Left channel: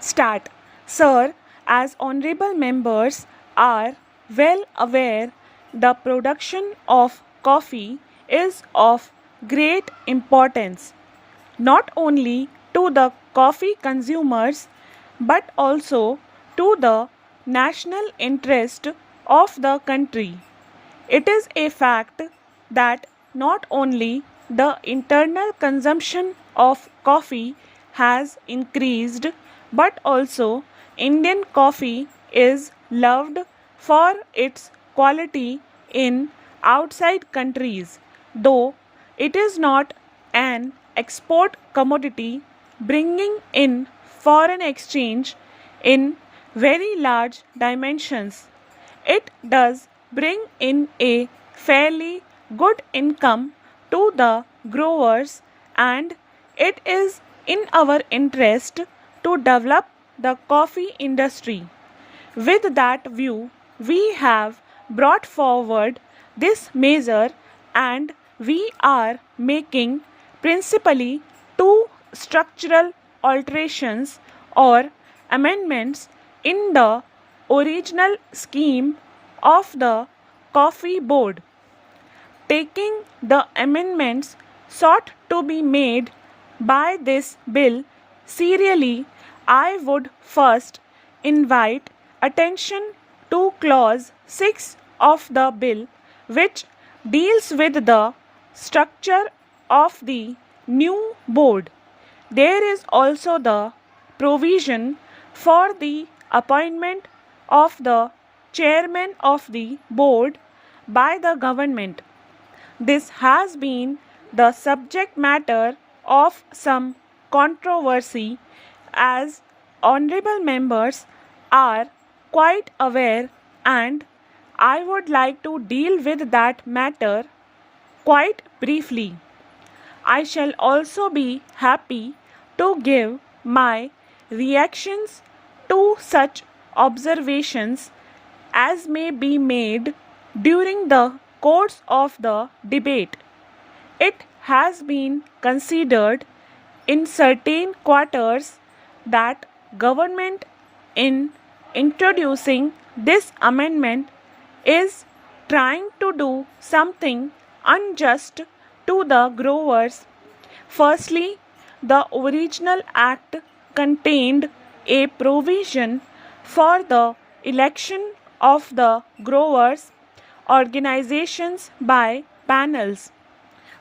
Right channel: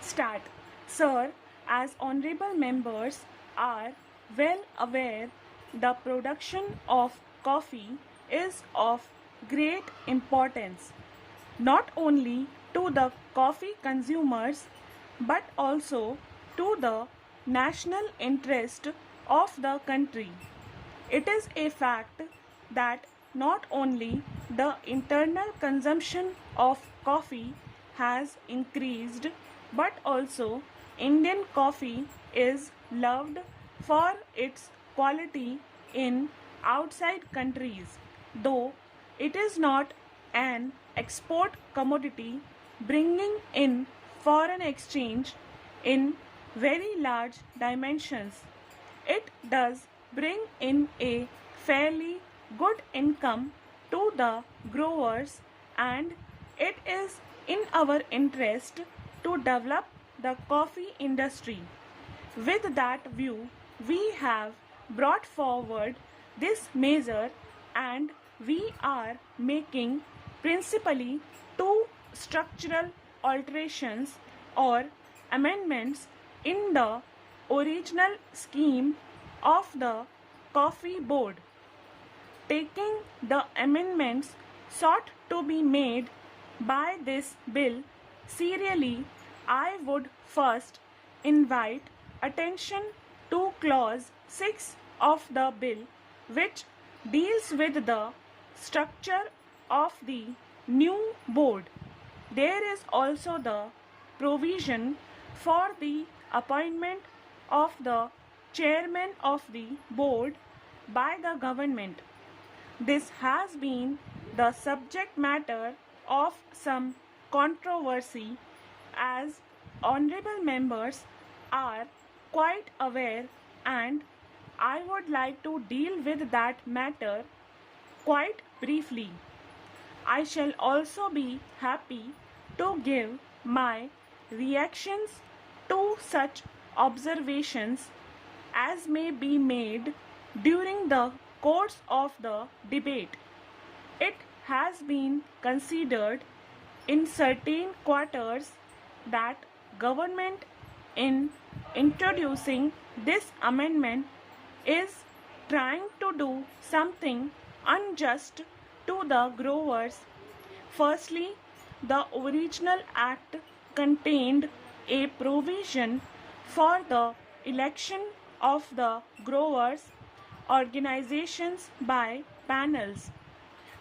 Start. Sir, as honorable members are well aware, the production of coffee is of great importance not only to the coffee consumers but also to the national interest of the country. It is a fact that not only the internal consumption of coffee has increased, but also Indian coffee is loved for its quality in outside countries, though it is not an export commodity bringing in foreign exchange in very large dimensions. It does bring in a fairly good income to the growers, and it is in our interest to develop the coffee industry. With that view, we have brought forward this measure and we are making principally two structural alterations or amendments in the original scheme of the Coffee Board. Taking the amendments sought to be made by this bill serially, I would first invite attention to clause 6 of the bill, which deals with the structure of the new board. There is also the provision for the appointment of the chairman of the board by the government. This has been the subject matter of some controversy, as honorable members are quite aware, and I would like to deal with that matter quite briefly. I shall also be happy to give my reactions to such observations as may be made during the course of the debate. It has been considered in certain quarters that government in introducing this amendment is trying to do something unjust to the growers. Firstly, the original act contained a provision for the election of the growers' organizations by panels.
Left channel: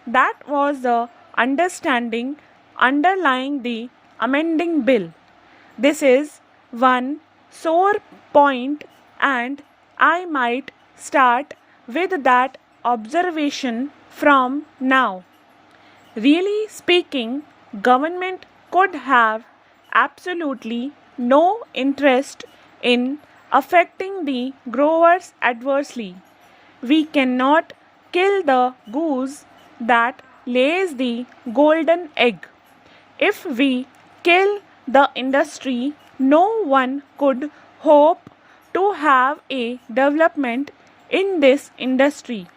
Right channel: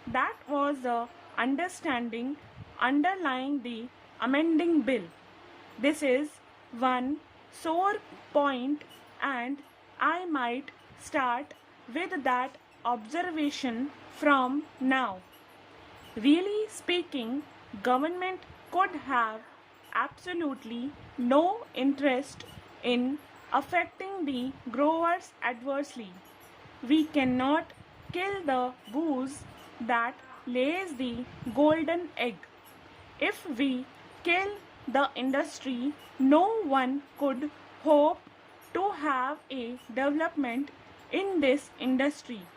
That was the understanding underlying the amending bill. This is one sore point, and I might start with that observation from now. Really speaking, government could have absolutely no interest in affecting the growers adversely. We cannot kill the goose that lays the golden egg. If we kill the industry, no one could hope to have a development in this industry.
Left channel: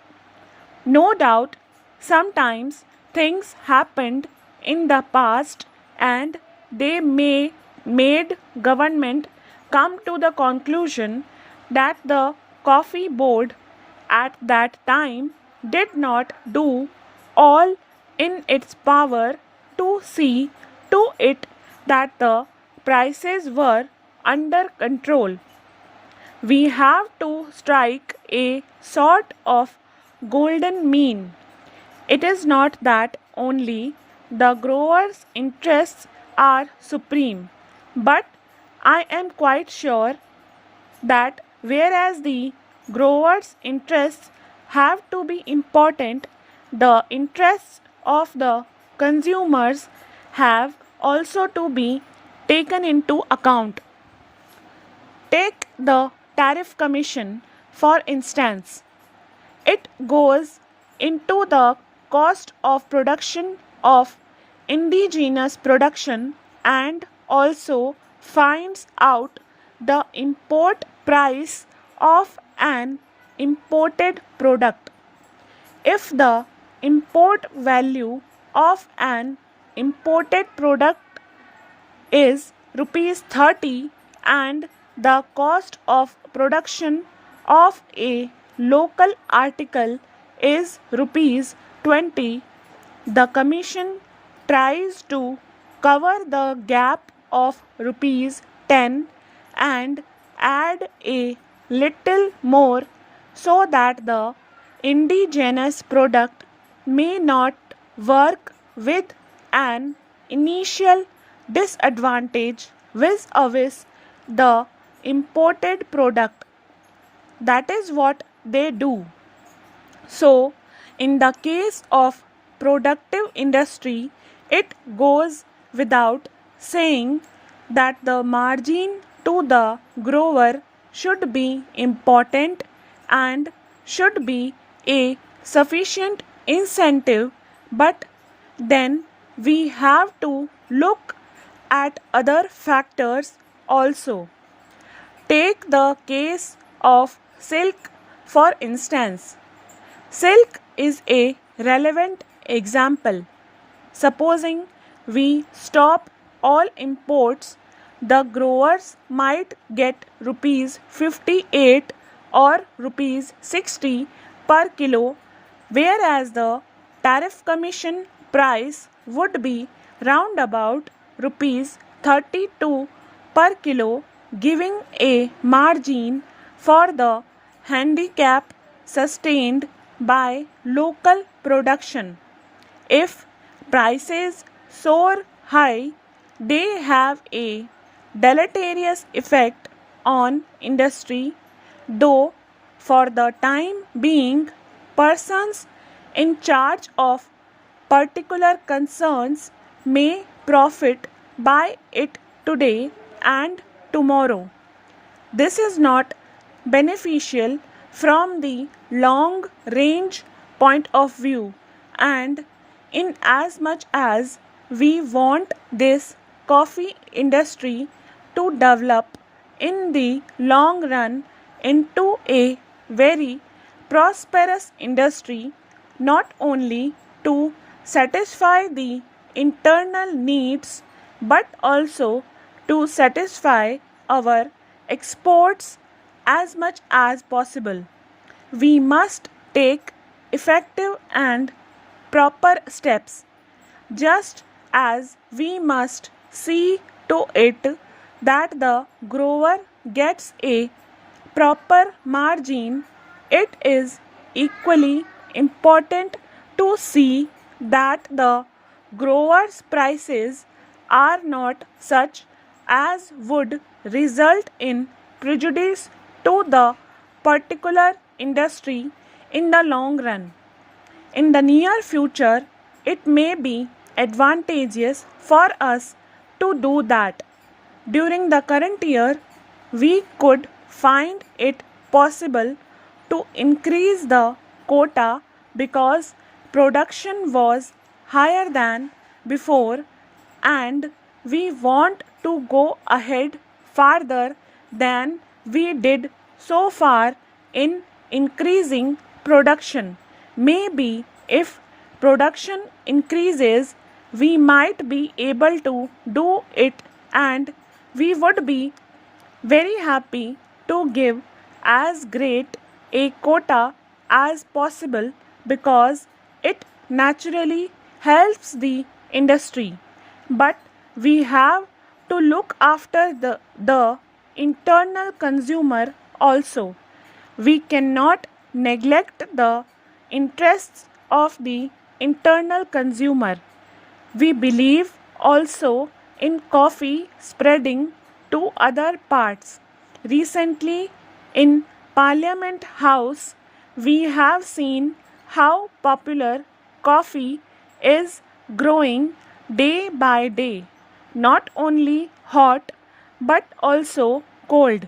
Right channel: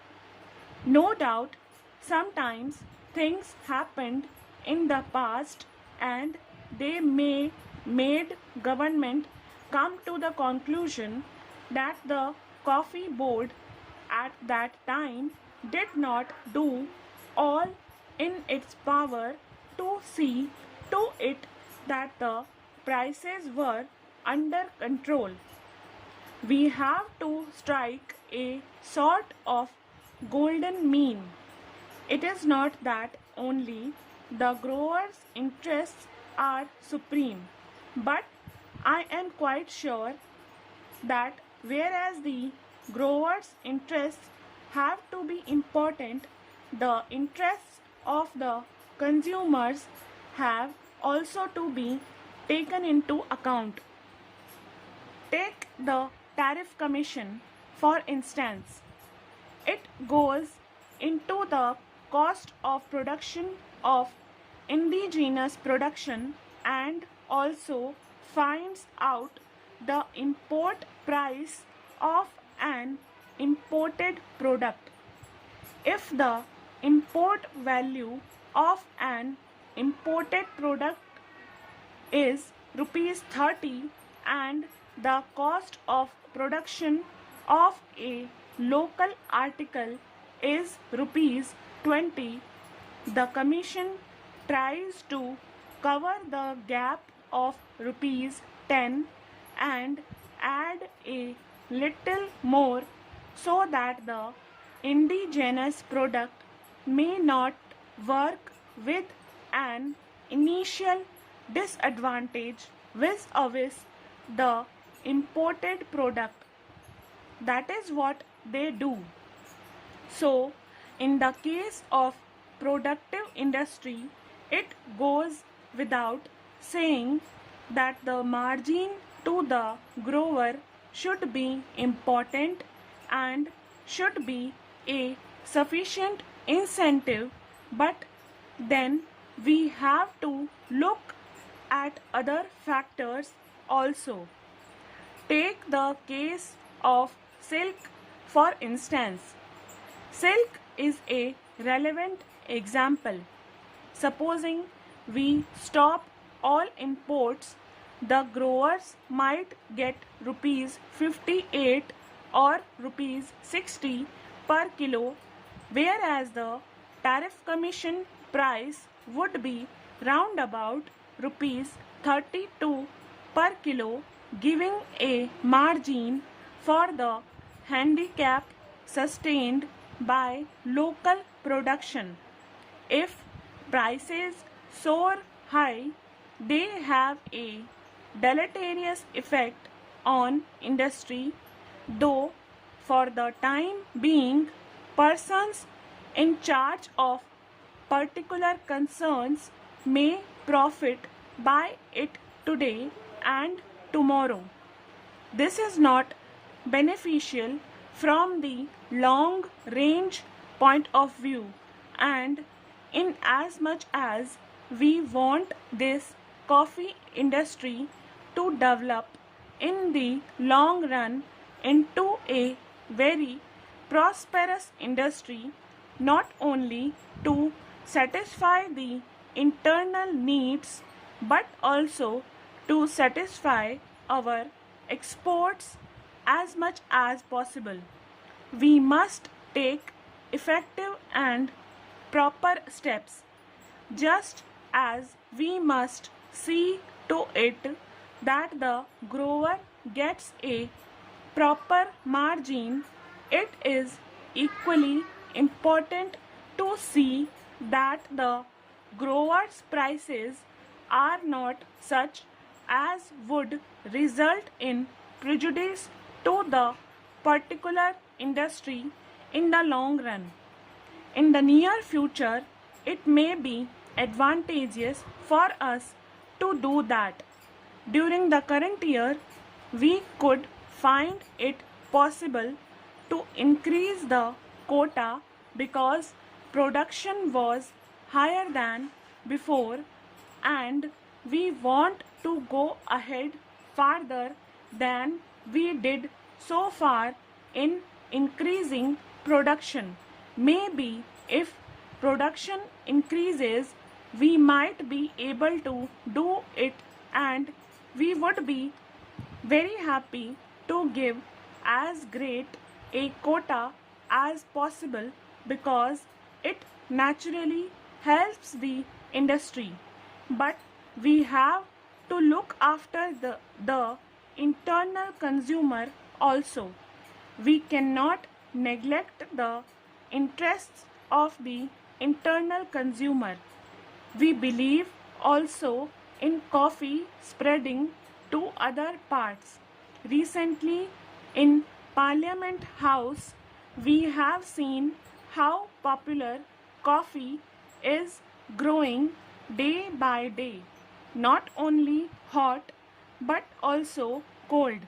No doubt, sometimes things happened in the past and they may made government come to the conclusion that the coffee board at that time did not do all in its power to see to it that the prices were under control. We have to strike a sort of golden mean. It is not that only the growers' interests are supreme, but I am quite sure that whereas the growers' interests have to be important, the interests of the consumers have also to be taken into account. Take the tariff commission for instance. It goes into the cost of production of indigenous production and also finds out the import price of an imported product. If the import value of an imported product is rupees 30 and the cost of production of a local article is rupees 20, the Commission tries to cover the gap of rupees 10 and add a little more so that the indigenous product may not work with an initial disadvantage vis-a-vis the imported product. That is what they do. So, in the case of productive industry, it goes without saying that the margin to the grower should be important and should be a sufficient incentive, but then we have to look at other factors also. Take the case of silk for instance. Silk is a relevant example. Supposing we stop all imports, the growers might get rupees 58 or rupees 60 per kilo, whereas the tariff commission price would be round about rupees 32 per kilo, giving a margin for the handicap sustained by local production. If prices soar high, they have a deleterious effect on industry, though for the time being, persons in charge of particular concerns may profit by it today and tomorrow. This is not beneficial from the long range point of view, and in as much as we want this coffee industry to develop in the long run into a very prosperous industry, not only to satisfy the internal needs but also to satisfy our exports as much as possible, we must take effective and proper steps, just as we must see to it that the grower gets a proper margin. It is equally important to see that the growers' prices are not such as would result in prejudice to the particular industry in the long run. In the near future, it may be advantageous for us to do that. During the current year, we could find it possible to increase the quota because production was higher than before, and we want to go ahead farther than we did so far in increasing production. Maybe if production increases, we might be able to do it, and we would be very happy to give as great a quota as possible because it naturally helps the industry. But we have to look after the internal consumer also. We cannot neglect the interests of the internal consumer. We believe also in coffee spreading to other parts. Recently, in Parliament House, we have seen how popular coffee is growing day by day, not only hot but also cold.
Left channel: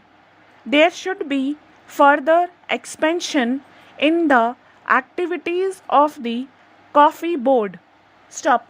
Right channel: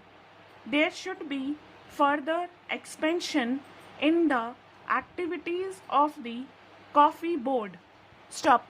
There should be further expansion in the activities of the coffee board. Stop.